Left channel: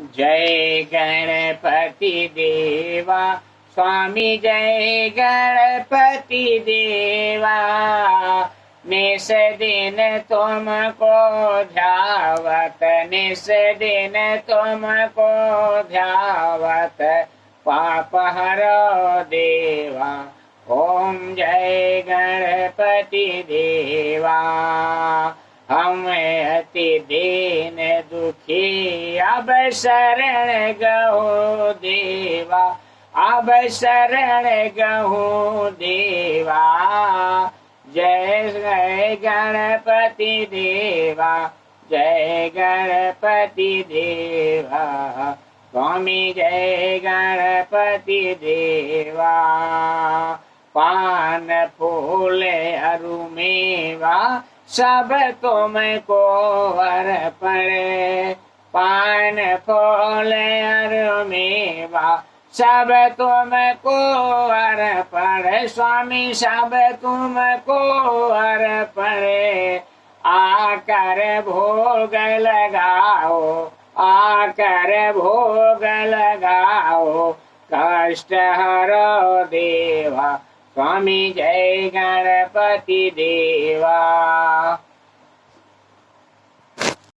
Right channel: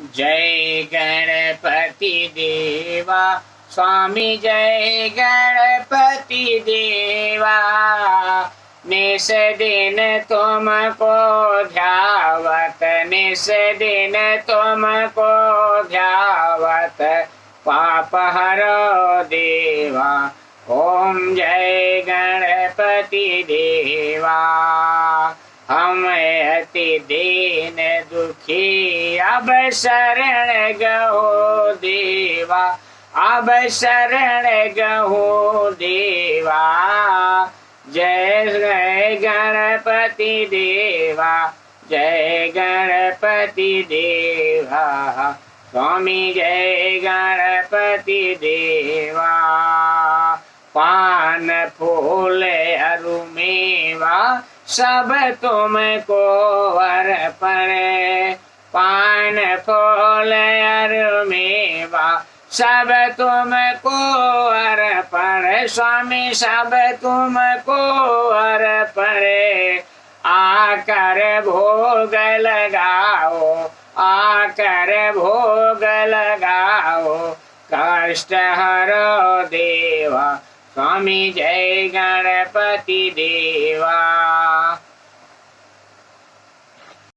जय गणपति देवा स्वामी, जय गणपति देवा। निस दिन तुमको ध्यावत, निस दिन तुमको ध्यावत, पाप हरो देवा। ओम जय गणपति देवा। हम अति दीन दुखी अब शरण गहो देवा, अब शरण गहो देवा। जय जय गणपति देवा, जय गणपति देवा। स्वामी जय गणपति देवा। पान फूल अरु मेवा सब तुमको अर्पण, पान फूल अरु मेवा सब तुमको अर्पण। स्वामी सब तुमको अर्पण। आकर भोग लगाओ, आकर भोग लगाओ, कष्ट हरो देवा। स्वामी जय गणपति देवा।